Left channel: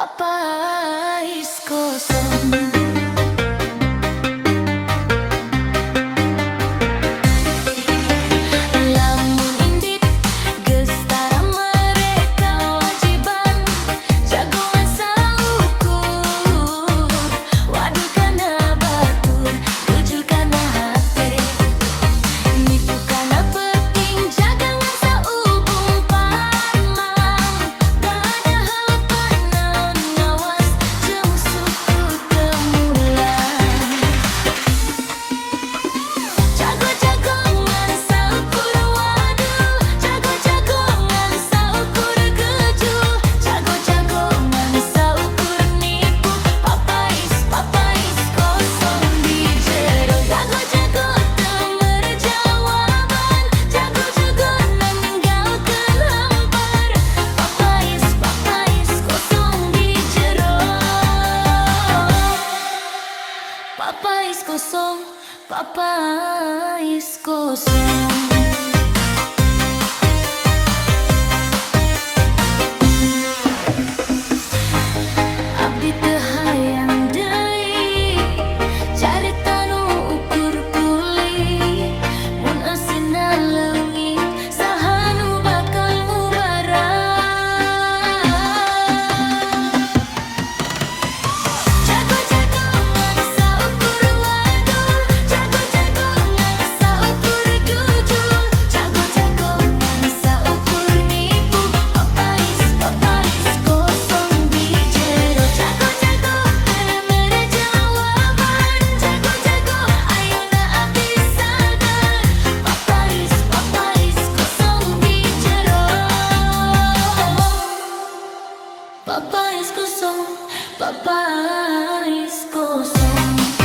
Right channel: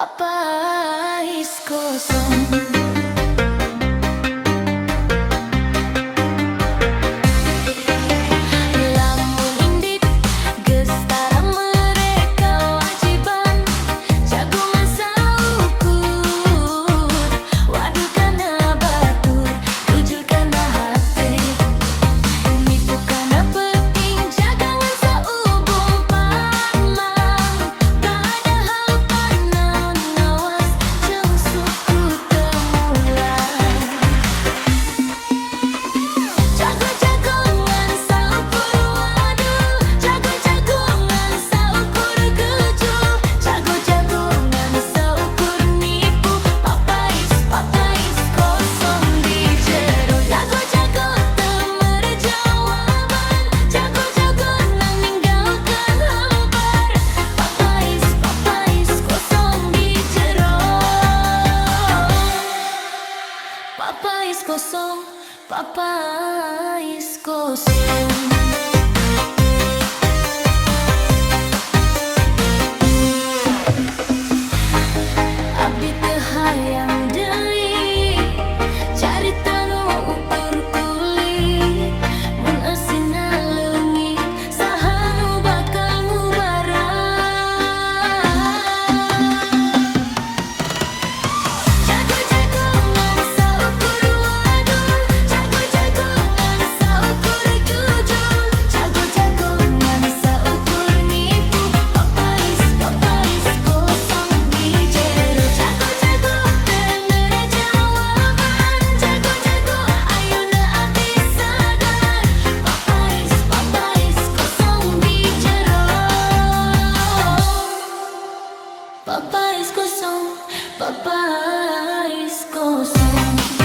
Papais kosong. Lamun indit geus tara mereka wajiban jagongan saukur. Waduh kana batur, jujur kana hate, nipu kana penting jagangan saubung pamang. Padahal panaon ngawas jeung suku temulang. Jago-jagongan saukur, waduh, jago-jagongan saukur gejul, jago-jagongan saukur nipu. Papais kosong di jero, jago-jago teu merejawaban, jago-jago nang ninggalkeun hampar. Papais kosong di jero. Papais kosong, papais kosong. Abdi teu hayang deui carita nu ukur kulit, mun eusina leungit saha nu bakal ngubarang. Jago-jagongan saukur, waduh, jago-jagongan saukur jujur, jago-jagongan saukur nipu. Papais kosong di jero, jago-jago teu merejawaban, jago-jago ayeuna abdi sadar. Papais kosong di jero. Papais kosong, papais kosong.